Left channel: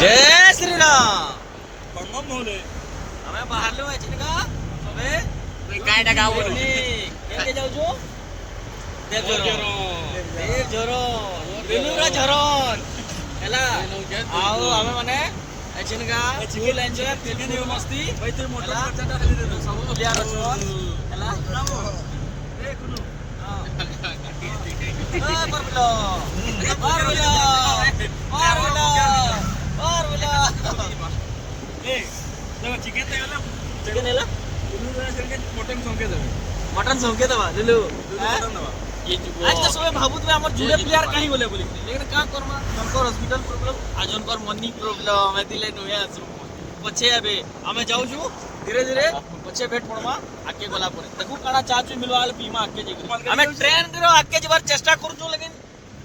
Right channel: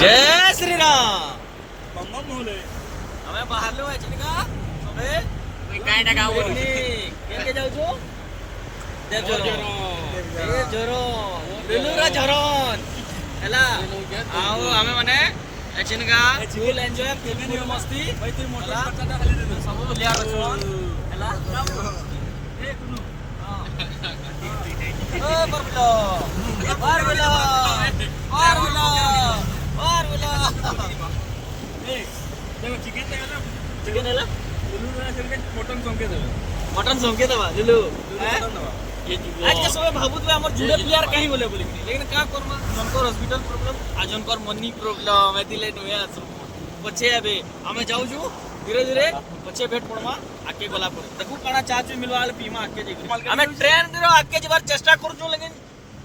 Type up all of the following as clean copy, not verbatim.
जय श्री राम हमें बाहर लो का सबे काय टाका पिकनिक केके जाऊ छु देव झरण रेलुरा झरण हैला आओ हमें माने एचिन का फुल एंजॉय फुल मस्ती हैला सब बुलिया रछन हैला ए कुनु हां ओ परबलो परबलो परबलो ए देखो चिकन हैला मटन संके दबा लुलु आज के समय भाबुत में हमर जुड़े प्यार कहीं बोले बोली लेकिन का करमा जनकर हॉस्पिटल प्रॉब्लम आ जनकर मनी प्रॉब्लम ए दिले नया पछे अबे हमें जाऊ छु धीरे धीरे पछे भेट पड़मा आके गला पर देखू काना चाचू मिलवाले पीमा आके जे हमें ट्रेन दिरो आके जबार चेष्टा करू छु लेकिन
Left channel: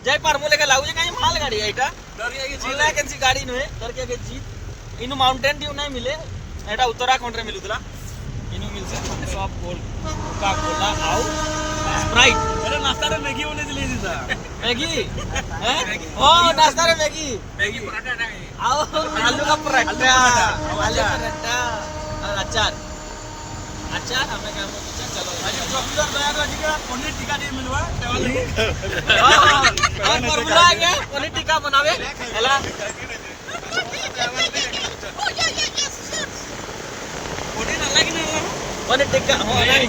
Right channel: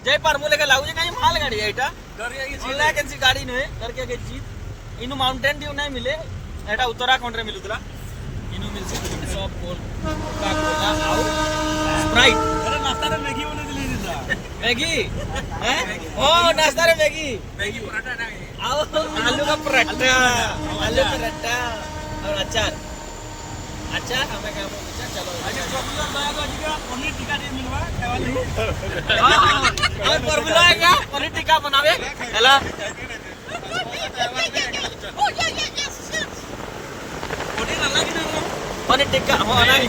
जय पार बोले के लागू जे कहीं माल गाड़ी है एटा डरिया के जिला कैसी गाड़ी नहे डर के जीत इनु माउंटेन ड्यू नहीं मिले एटा उत्तराखंड रे मिलुतला इनु मिल से सब कोल का कोला आउ स्प्राइट अरे नाश्ता रे मैगी बने दिले दिता मैगी हैं ओ नाश्ता रे मैगी मैगी पराठा नहीं आओ आलू का पराठा और अचार अचार हमें का पूछा चलो अच्छा पॉपुलर दया गाड़ी का पनीर टिक्का दे मिलवा खावा हां और फॉर्मूला क्या पनीर टिक्का बनावे हेला पनीर अलग नहीं पनीर टिक्का हो नहीं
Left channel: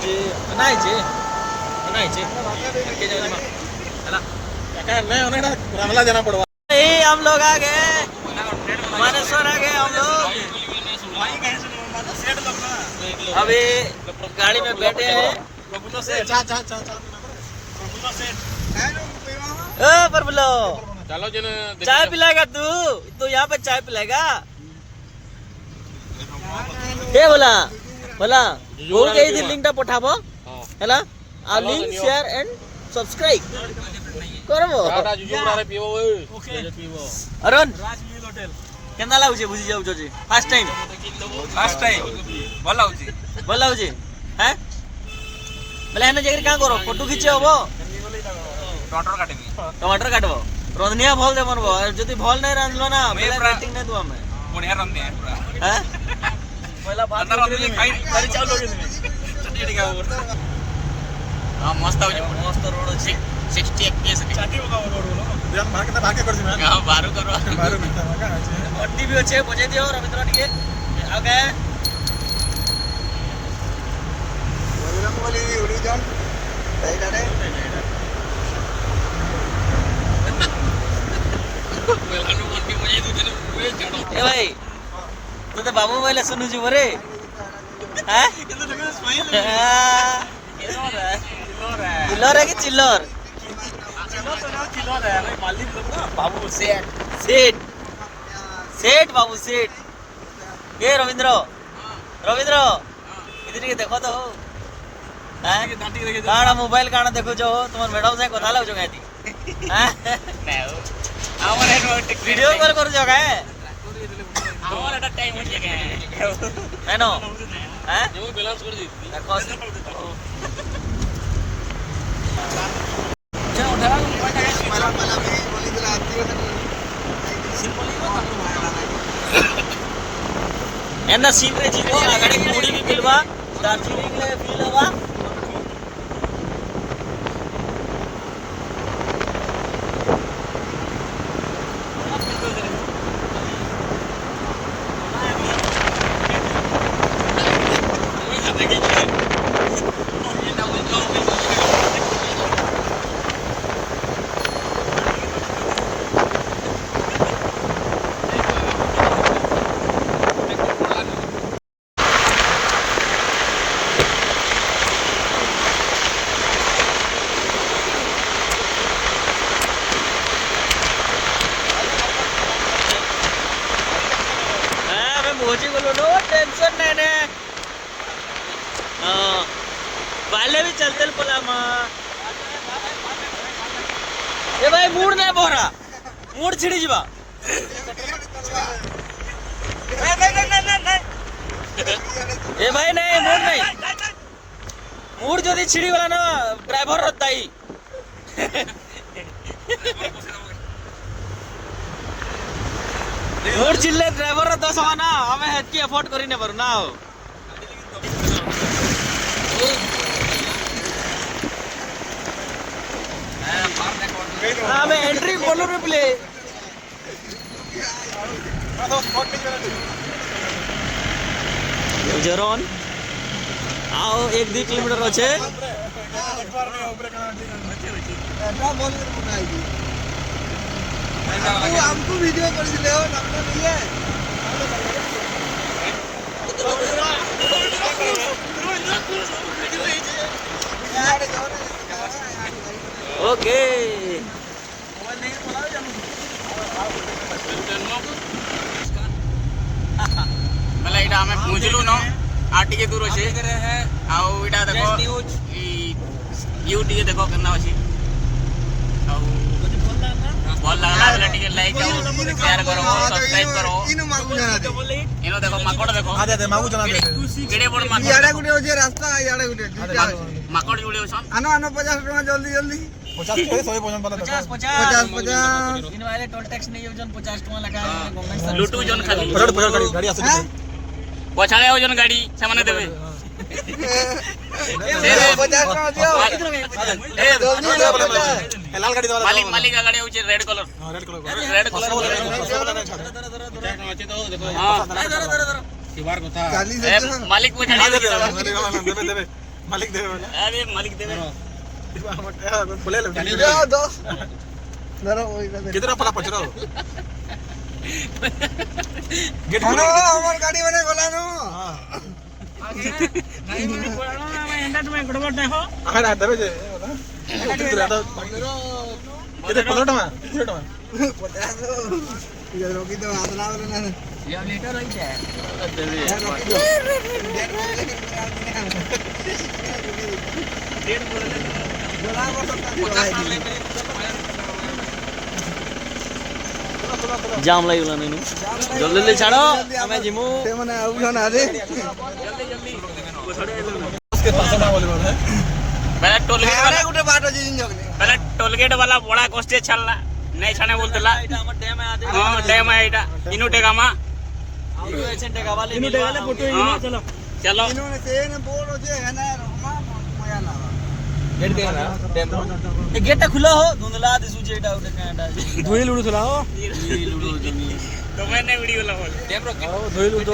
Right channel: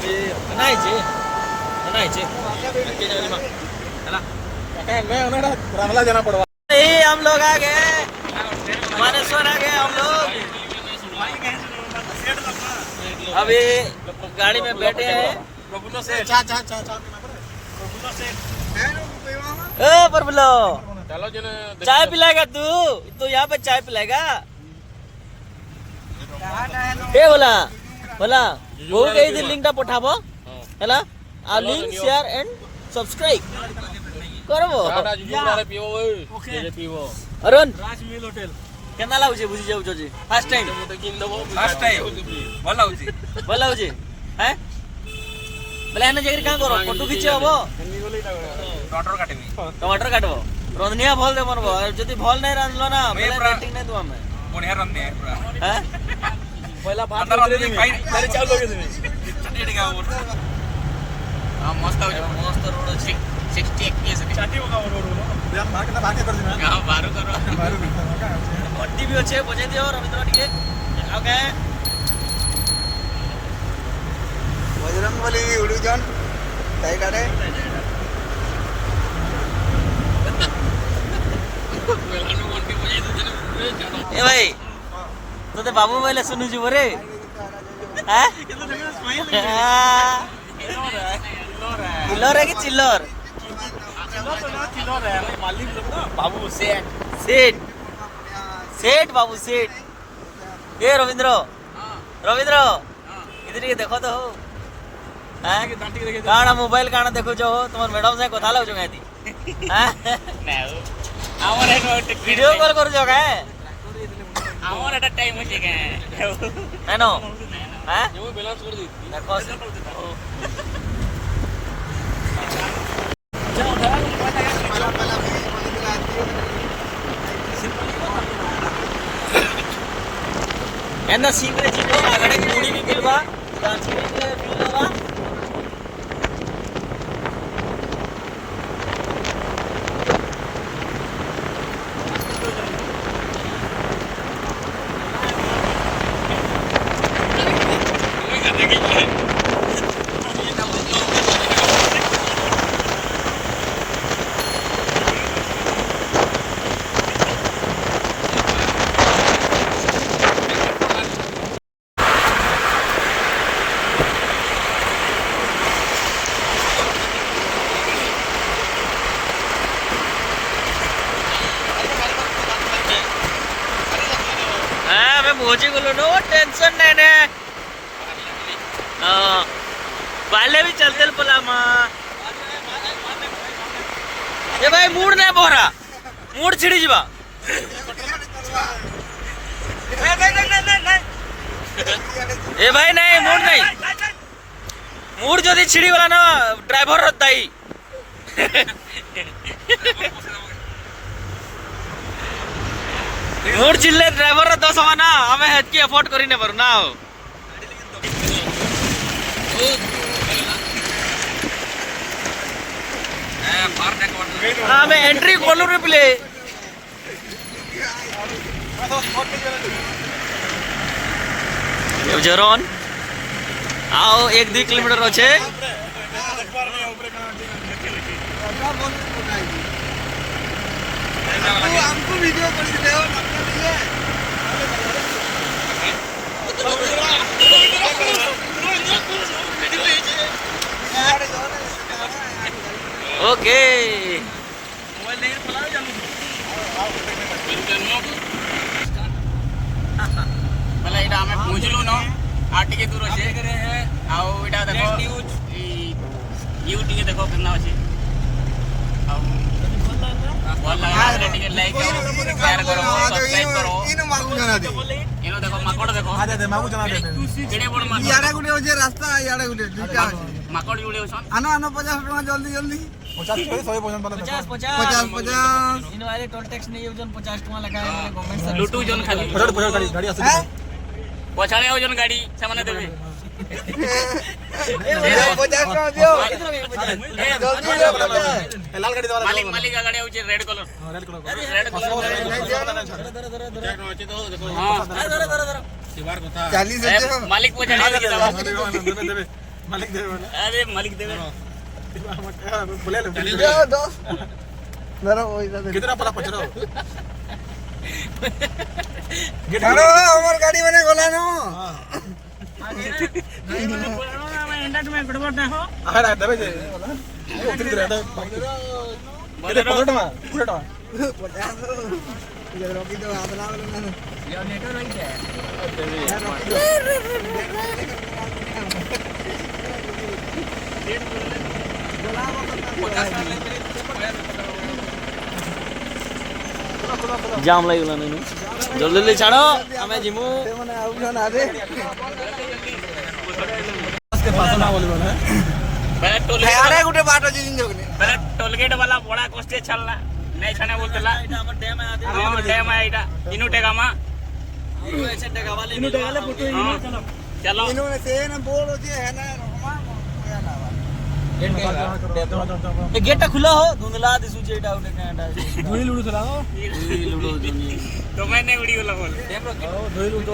जे के जानी मा हैला मैं ओनेडा रंगला जाना पड़वा ए हम लोग आ गए मानेश्वर आ गए हम लोग अभी गाड़ी में बैठे हैं प्रभुलो से ए प्रभुलो चलो जने चाय पिलाएगा तू यहाँ पे चाय पिलाएगा ए बोला वो गई थी लिंक टा पठाबो हैला आ लिंक शेयर एंड सब्सक्राइब करबो अरुण केना लाଗୁଛି बुझी जाऊ जोजी फर्स्ट टाइम भल लाଗୁଛି हैं बोले एने जगह का करो फोटो खींचे होबो टमाटर काटबो रंधनिया भल दे मनबो जदी भल नहीं रांधलो ना बोले रेटिंग नहीं दो हमें बढ़िया रंधनिया है पूरा हैं पहिला बात अंदर खाई सारी चावल लगे चटनी टिका हां मस्त रोड अछि 60 केस चाटी होगा रोड नो हम मार्केट भागे कर दिया हां बारो करो अड्डी भी अच्छे बजे दियो रविंद्र टिके ओके बजरंग बली उलू जन काई काटे ए भाई तो ते बाबू बोले सुनु जी बरे हैं किलर है कि चिल्लर किलर है भाई मालिक लोग ना बाबू सेठ बाबू सेठ ए रविंद्र इधर के देखो तो हो हैं काना मोबाइल काना देखो जो तुम्हार मैडम से कथा लाउ जो गाती हैं मैं आवर वीडियो कॉल करू जो का आवर एटा टाइम होचे के मैनो हैं जो बैलेंस कर दी देखो एना सीवे जीतो आगडे मुडी भी मिलवा दार्जिलिंग में मिलवा मोजी बोलो नो टेंशन नहीं ने वाले भी चलते पला मा ए भाई मूड नहीं बोरा मूड छिड़ी जीवा ए भाई नहीं मूड जदी छिड़ी वाला ना ड्राइवर रताई मोर चिल्ले ड्राइवर रो 10 ना हमें हेतकी अफोर्ड करी ने पारू ना हमें एंट्री खोलू रे प्ले जरन आओ 1-2 किलोमीटर अच्छे वीडियो ओके मतलब इटा हमें पहुंचलु न आटी के दूर अछि आउ इटा देखो यू टी देखो केना अछि आउ भल लागला बोले टिके लाइक करो शेयर करो सब्सक्राइब करो इनो देखो माकड़ देखो आ दे मागु जना दे जेडे बड़ माकड़ याडा गुटे होजे रास्ता याडा गुटे माकड़ जुड़े होसन आनो 50 टका जल्दी जल्दी 50 100 पजन वाला 50 इनो आले टोल टैक्स नहीं यूजन 50 टका लगाए गवर्नमेंट सर्विस लुटू जन खाली गाड़ी आसे पछाड़े हो जन गाड़ी से माने देबे ए 50 टका दियो कितना 50 लाल गाड़ी वाला मालिक का गाड़ी होचे रेड कलर रेड कलर हां धर शिवार कथा 40 मालिक पछाड़े देबे मालिक देबे अरे मालिक देबे बोले लो दो नरो कितना पला पछरो गिटारो हमर गाड़ी बने गोला नो गाड़ी बने गोला नो मैं एंडा में गड़बड़ देखो अरे दबे जे उतरी दे तो केते 15 टका 50 ये रोकी तो हाथ ना मारना ये लेटर रही है जाम लागला नहीं जल्दी जल्दी छाड़ो हमें जिमु ते माने आउजन आदे उसके पास ना बोली बोले पहले टोलगेट वाला गुटे बाट जे जिंजोगने पहले टोलगेट वाला बड़ा कष्टे छलला नहीं छाने बोलतला एटा हमर डैम आदे हां डैम है एटा इनु टेगामा इनु एसे टेगावाले इनु टेगाले फोटो इनु चलो चलो इनु ने से ने बोल जे है ना मया ना गेट के ए गेट खुला हो धुंधला दिसु जे एटा उठे कांडा धुई लुडुला हो धुई लुडु जोनी तो मैंने वीडियो ला बोल टेम रो धुई लुडु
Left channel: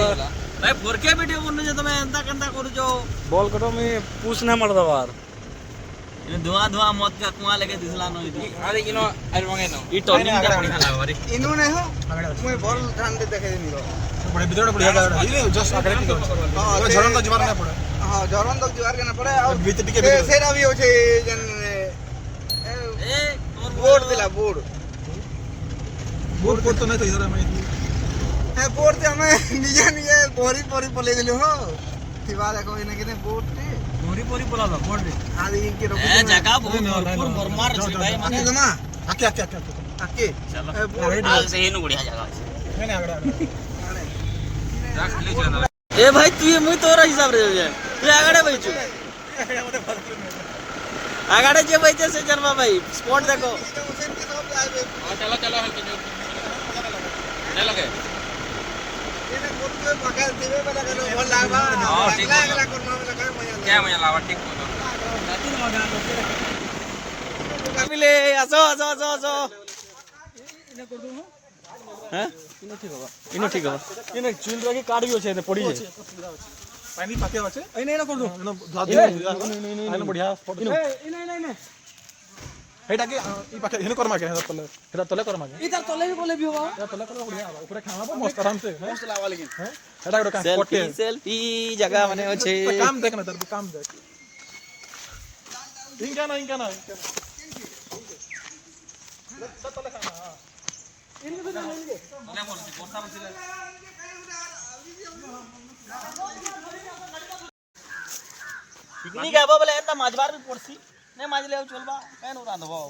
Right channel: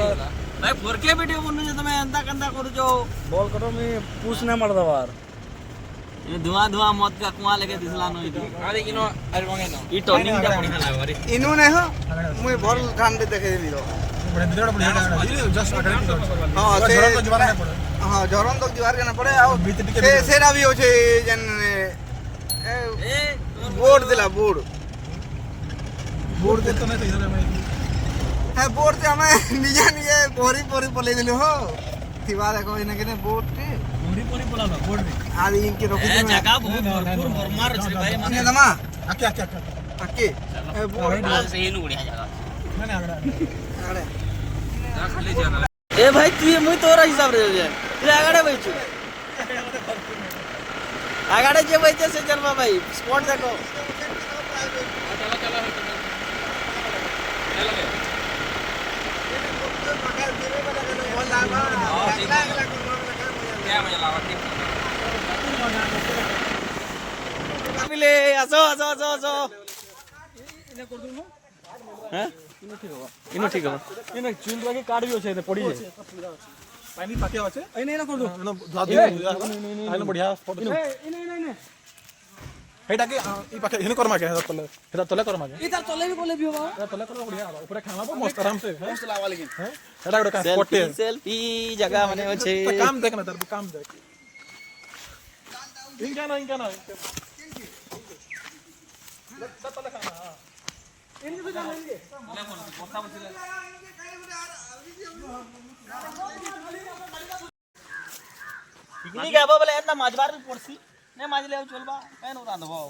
भाई 4K वीडियो बनु जे तमे अंता कंता करू जो बॉल करो मी पूछ ना मर दवार इन धुआं धुआं मत का कुआं लेके दिसला नो इदी अरे इनो अरे मंगे नो ई टर्निंग ता बढ़िया लागो रे इनु ने हो मुई भल ठान दे देखे दिलो बड़े वीडियो बढ़िया इले जस्ट अटैक हां झरन तो जवार ना पड़े हां झरन तो जवार के ना पड़े आ से सेरा भी हो छे जन ए बोर्ड दिला बोर्ड बोर्ड तो नहीं तो इधर मैं हां बोर्ड ते हमें निया निया बोरी बोरी पले दिलो हो थिवा देखो इने के बोर्ड पे बोरी बोरी बोलालो बोर्ड रे आदि इनके रोक ए जगह बहुत भरपूर मरमार छे भाई माने दमा आके आके आके बोर्ड से इनु बढ़िया जगह मैंने आगड़ा खाली जगह ए भाई तू ये मुई तोरा हिसाब रे जाए तू आगड़े बैठू आगड़े जे बैठे से जरमा भाई स्पॉट देखो चलो चलो चलो लगे क्या मजा लावा ठीक मिले आसो आसो आसो आसो इने कर दूं हैं इनो ठीक होबा इने चूल लगे काट भी होछे पड़ी जे पानी पाके होछे इने ना कर दो इनो बढ़िया स्पॉट इनो इने हेटा के ई पाके इनो कर माके तले हेटा तले कर माके इधर तले भी होबा तले कर बढ़िया होबा ऊपर खाना तो मस्त आराम से मस्त लावा लेकिन हैं हेटा गोटे काम स्पॉट सेल्फी जगह माने होछे काम देख ना तार काम देख इनका ना इनके तले खाना इनके भी लेंगे ले बोल बोलता बचले पिकनिक आबो बोले एतना माजबार भी पड़सी ने माजले चलबा केन रांधबो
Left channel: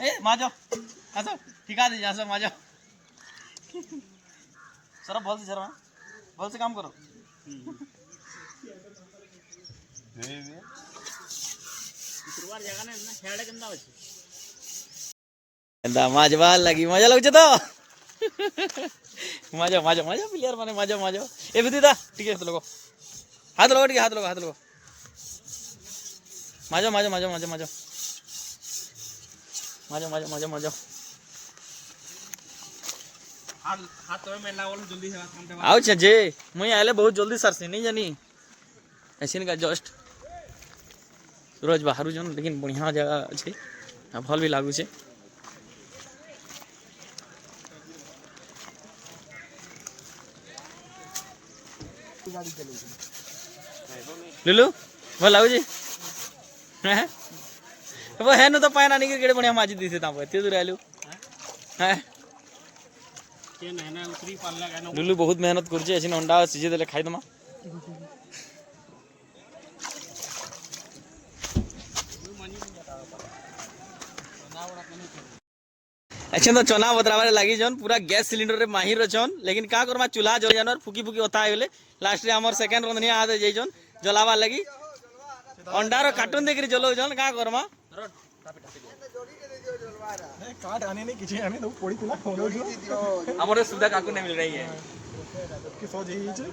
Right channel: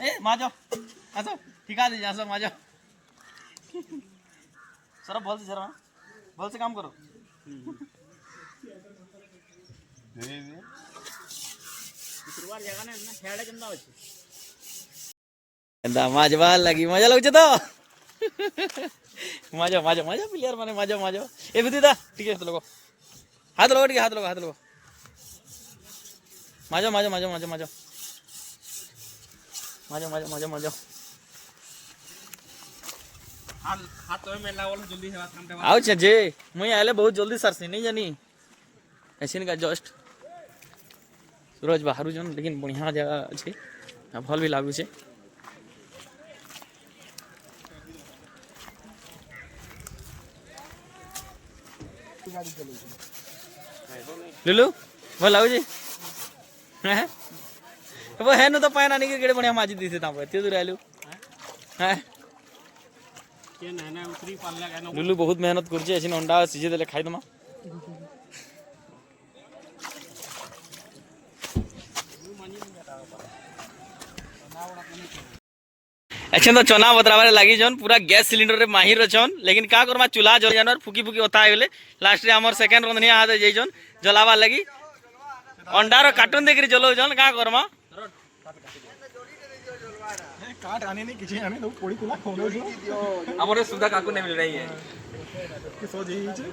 ए माजो आसो ठिका दे आसो माजो सर बोल से जरा बोल से काम करो शुरुआत जगह ने हेड केंदा अछि ଏନ୍ତା ମାଜବା ଲାଗି ମଜା ଲାଗୁଛି ତ ମଜା ମଜା ମଜା ପ୍ଲେୟାର ମାନେ ମଜା ମଜା ଏବେ ଦିଦା ଟିକେ ହାତ ଲଗ ଟିକେ ହାତ ଲଗ ମଜା ମଜା ମଜା ମଜା ମଜା ମଜା ମଜା ମଜା ମଜା ଆଉ ଯେ ମୁଇଁ ଆଇଲେ ବହୁତ ଜଲ୍ଦି ସାରସି नहीं जानी ऐसिन का जस्ट सूरज बाहर जन लेकिन बढ़िया जगह अच्छे भल भी लागू छे लुलु भल लागू जी हैं वो है न तो पायना नहीं केड़े बढ़िया माजी दिसे ता एते दूर आलू हैं लुलु बहुत मेहनत करछे ऐसिन अंडा सिजे देले खाइ दमा अच्छा तो चना बतराबारे लगी जन पूरा गैस सिलेंडर रे माहिर अछन लेकिन का करमा चूल्हा जल जानवर फुकी फुकी होता गले लास्ट रे हमर सेकंड रंधनिया हाथ जइजन जलावा लगी अंडा रो कार्टून देखि जलो जन का करमा काट आने नहीं किछि हमें तो पड़ी तुला खोलो जो हमरे सुविधा काकू नहीं मिल रही है कि सो जई छे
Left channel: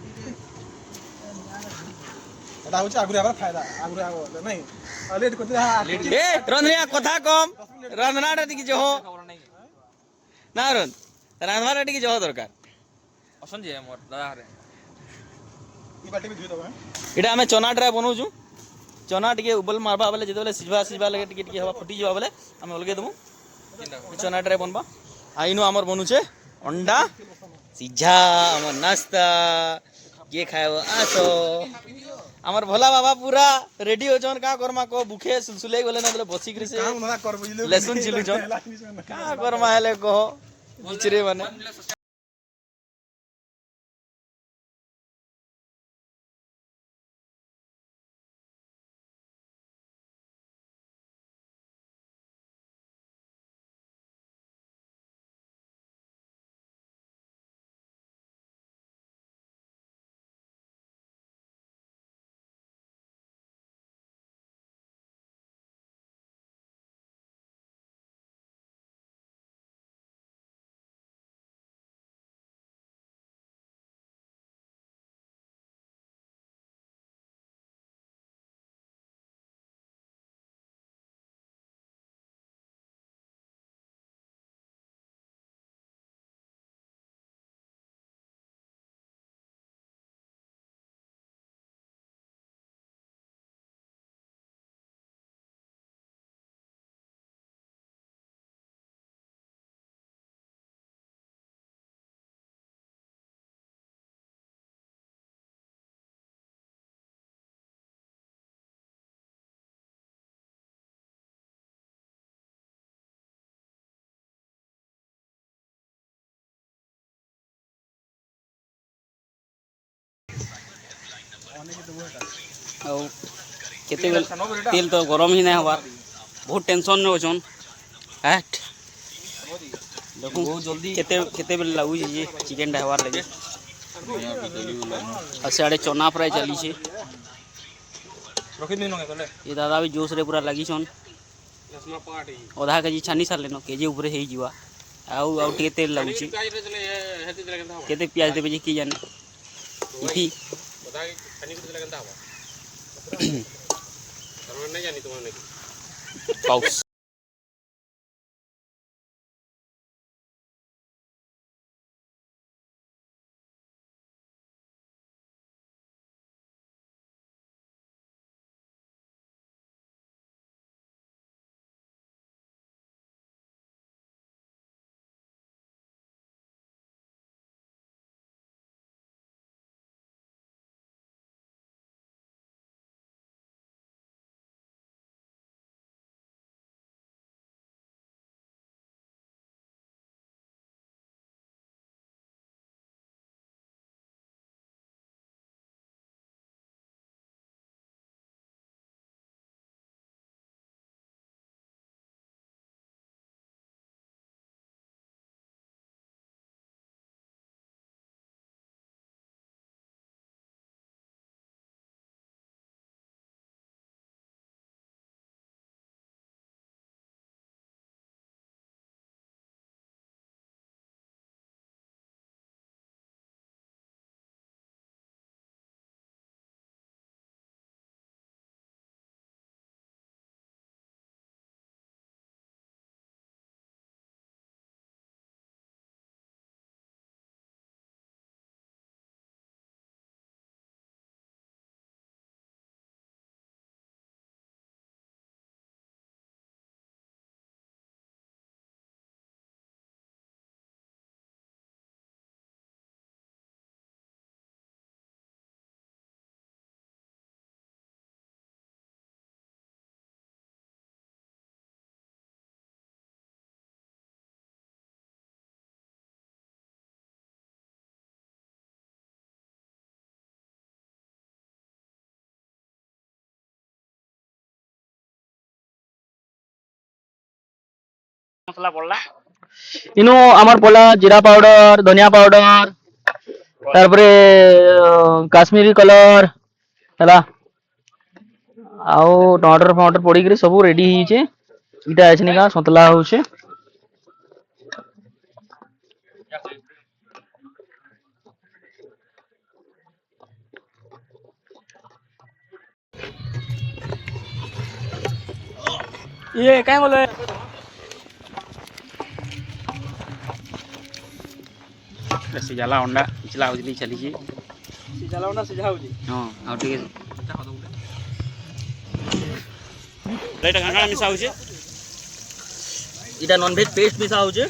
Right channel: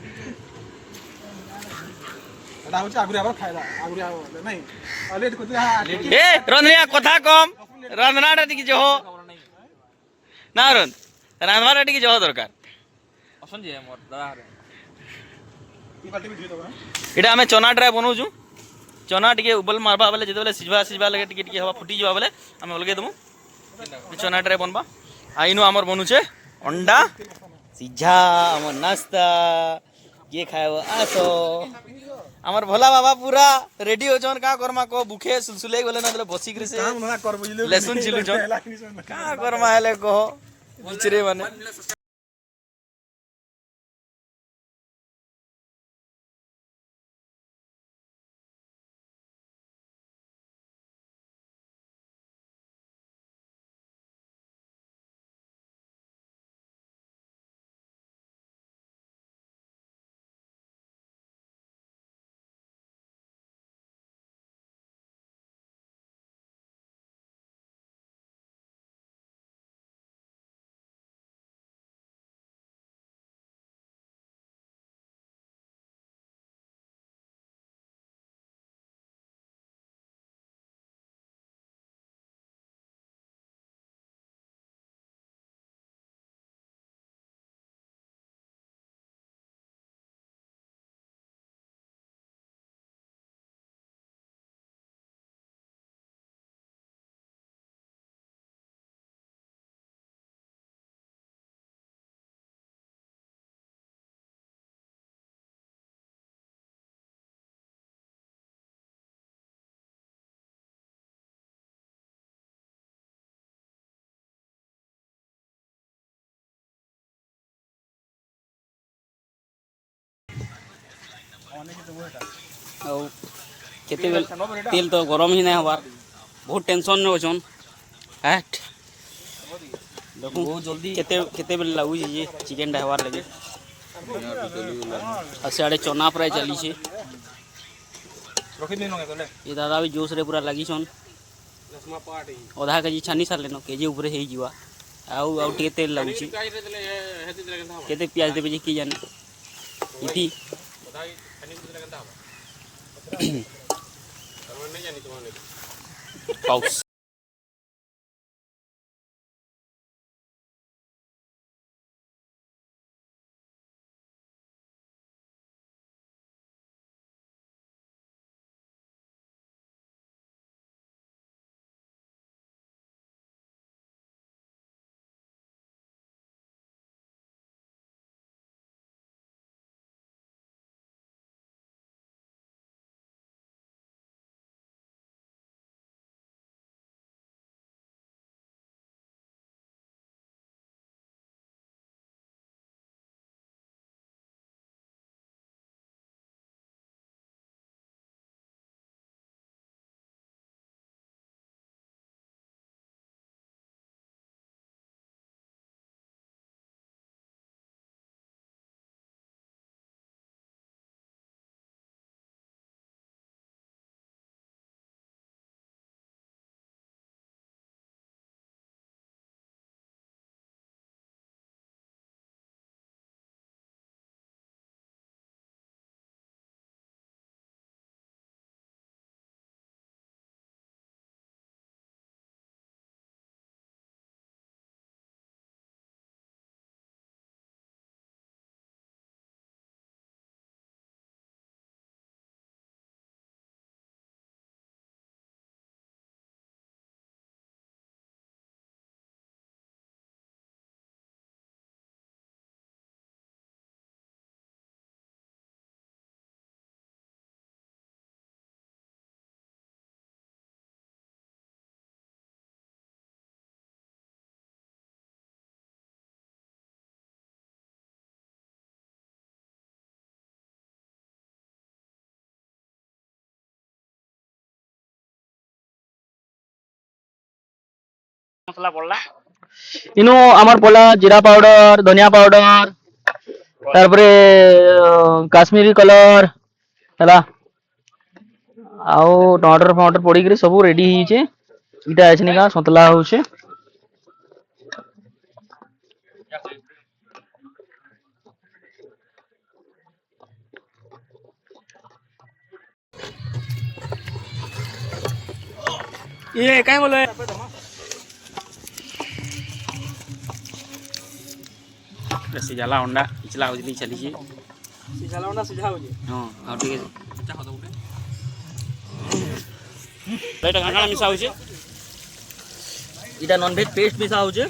एटा होछ आगुरे आबा खायला आगुरे आबा नहीं लेट को ए रंधनिया कथा कम रंधनाटा टिके जो ना रन रांधवाटा टिके जो दरकार असन जे मोर दादा रे ई बाटी भी धुई दबा एटा हमें चना ड्राई बनौजु चना टिके उबल मारबा बेले जेते बेले सिजबा लगे टिके टिके हवा फुटी जबा बेले हम अलगे दमु चना ड्राई बनबा आइनु हमर बनू छे अंडा सिझा हमर नाश्ता ये खाएब आसो हमर भोला बाबा पूरा रेडी हो जन का करमा को भूखे सुलसुले गले ना बसी करे से लहसुन छिलु जन का करमा हेले कहो बिचरे माने केते तेल तो गरम ही नहीं हबार बहुत टेंशन में अछन हट देखो बहुत जल्दी केते केते बेले लागू जे चिकन टा हबार लगे आ साडे चना फ्राई चली छे ये दादा भी जोश रे पूरा लगी छन आधा केजी छानी सार लेनो केजी ऊपर हे जीवा आउ टिके तेल लागू छी केते प्याज देबे जे की जाने इथि पाउस মশলা পড়লা ইনু আমার পলা জিরা পাউডার ধনিয়া পাউডার তারপরে কাশ্মীরি কଲର ହେଲା ଆଉ ଟମାଟର ଫମାଟର ପଡିକିରି ସବୁ ରେଡି ହେଇଛେ ଇଟା ଏଛନିକା ସନ୍ତଲା ହଉଛେ ये काय बोले ସିଝାଲା ଅଣ୍ଡା ଇଚଲା ହଉଚି ଚାଲିଛି ସିଝାଲା ଅଣ୍ଡା ସିଝା ହଉଛି ହଁ ଆଉ ଟିକେ ଏଇଟା କାଣା ମିଶା ହଉଛେ ଇଟା ନନଭେଜ ପେଷ୍ଟ ମିଶା ହଉଛେ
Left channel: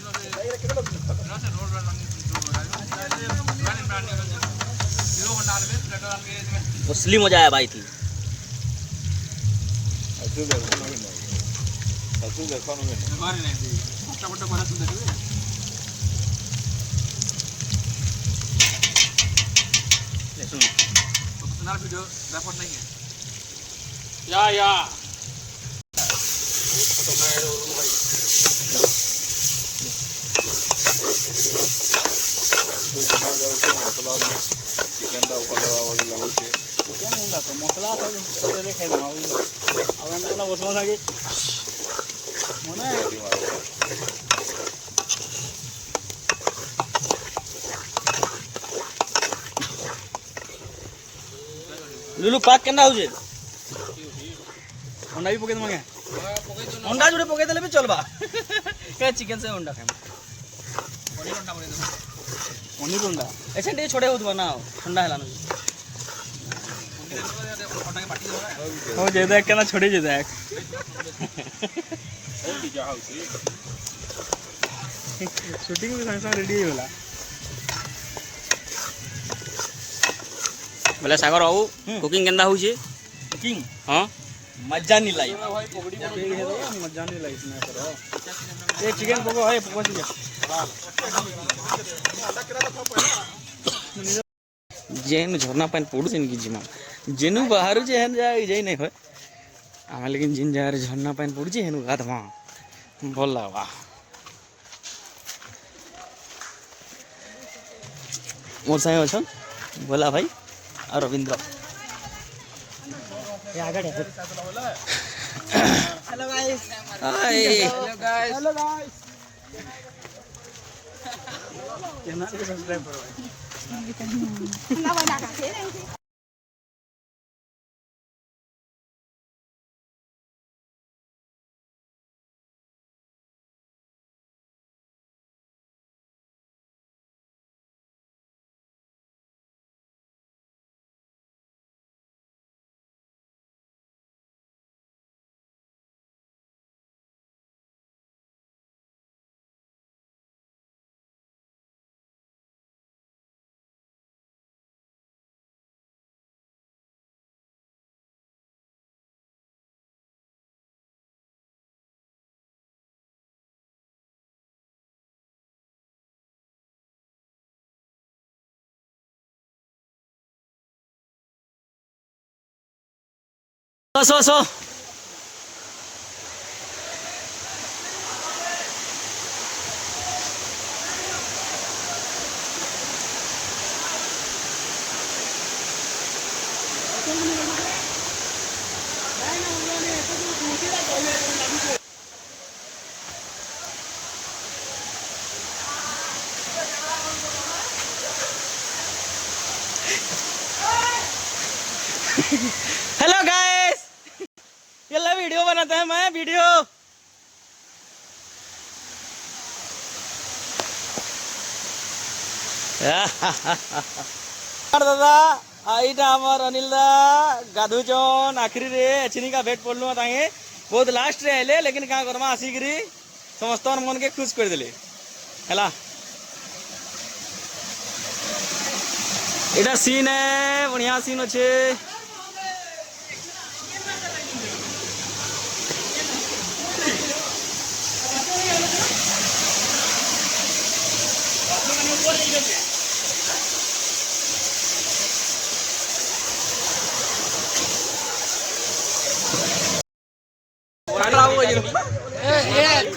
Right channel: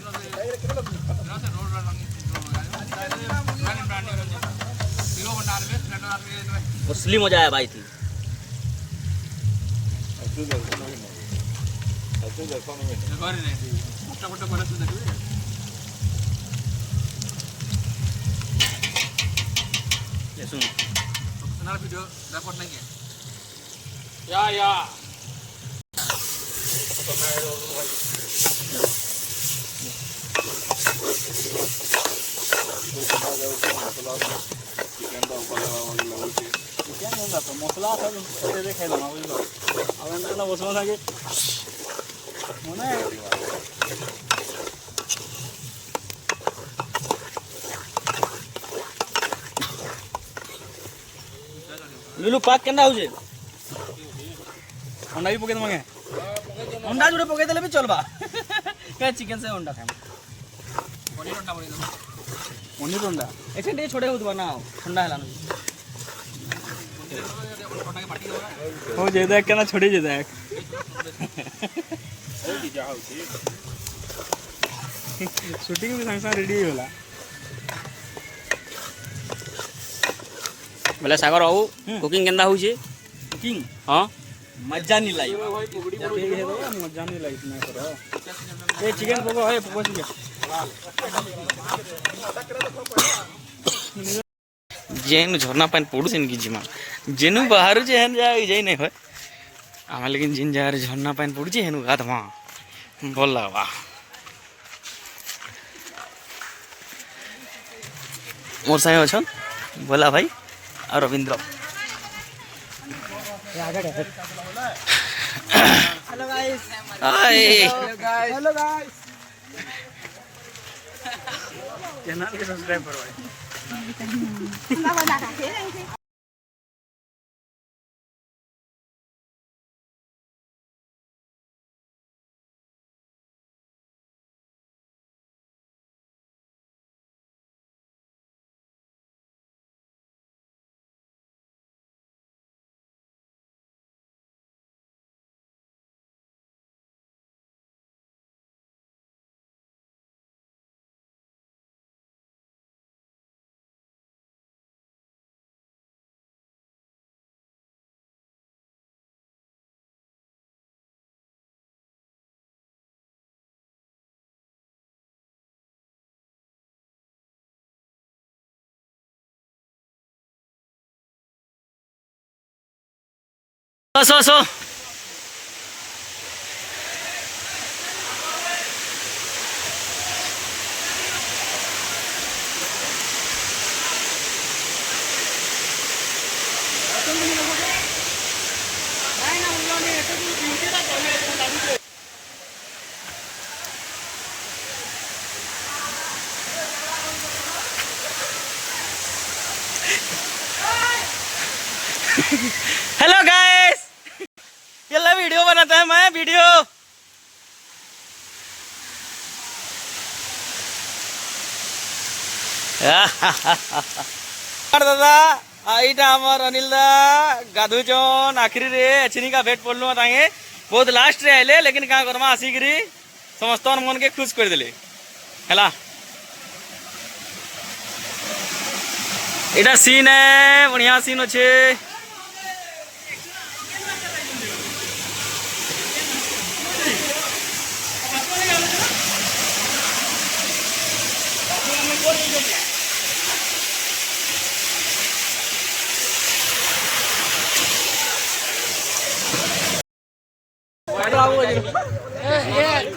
असली मजा आया भाई थी लुलु पाक केना हो जे अंडा भी पके दे मांगे अंडा जोड़े पके देले भी चलबा क्या चिकन से अंडा खाए पनीर अंडा पके दे पनीर अंडा ऐसे डे छोड़े होत बना ठंडा हैला हो जे देख केना छोड़ी जे देख शूटिंग भी संग रेडी होला ବୋଲେ ସାଗର ଆଉ କୁକିଂ କେନ୍ତା ହଉଛି कुकिंग ହଁ मजा नहीं लाई भाई पकड़ी मजा नहीं लाई इसमें करो ये चिकन पको है पको चिकन जेनु झरना पानी पड़ुछ कि जिमा जेनु बाहर जे हन जा जाई नहीं होय आमा लेकिन जिन जा रे झरना पानी पड़ुछ हेनु गाधमा भल लागबा मोर साई अछन भोला भाई और Ravindra hello guys hi hello guys hello guys channel को सब्सक्राइब करो भाई सो हेलो गाइस ये ला वीडियो बनाता है मैं वीडियो दादा आईटा आमर अनिल दा गाधुचन आखिरी रे एचनी का भेट पड़लु तांगे बहुत लास्ट रे आइले लेकिन का करमा आसिकरी समस्त मन के खुश कर देले हैला एटा सीन है बढ़िया सीन अच्छे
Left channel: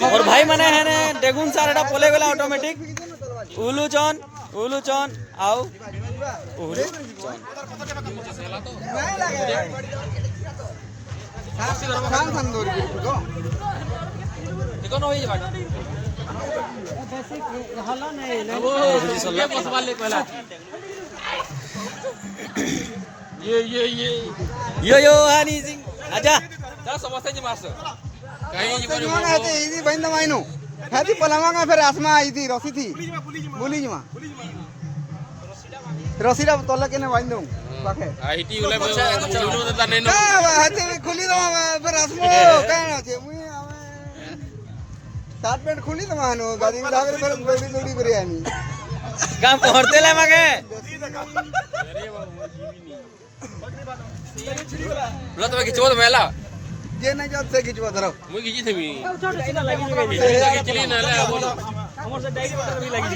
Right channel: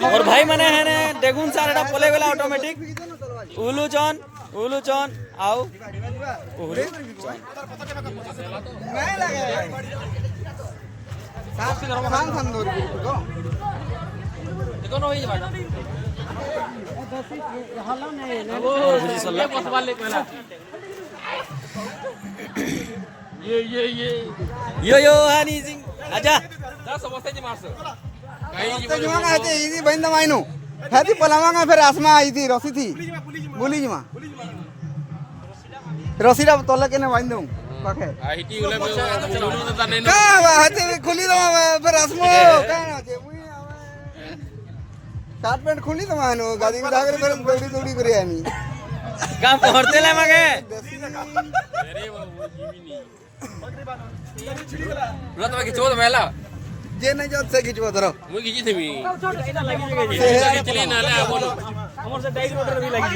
और भाई मने है ने उलू चन आओ उलू चन इकोनो होई बाटा और बुझी सल्ला यो हनी सिंह आजा जा समोसा जी मारसो काही जुआन है इदी बंद माइनु हाथी पलंगा में फिर आसमा आई थी रसी थी बुलीज में रसीरा तोला के ना बांधू पाके आईटी उले में तो तने का हाथी खुली दो फिर आसमा का छे मुई सात पेंट खुली तो मानु गाड़ी में आगे फिर दौड़ी दौड़ी करे आनी का पहरते ले मगे अरे वो जीवी नहीं बोला तो खिचो तो मेला जे नहीं जात से खिचवा धरो मुई खिची थी मी लगी खिचली नहीं रे बोलो हमर से डाइट बटर भी लगी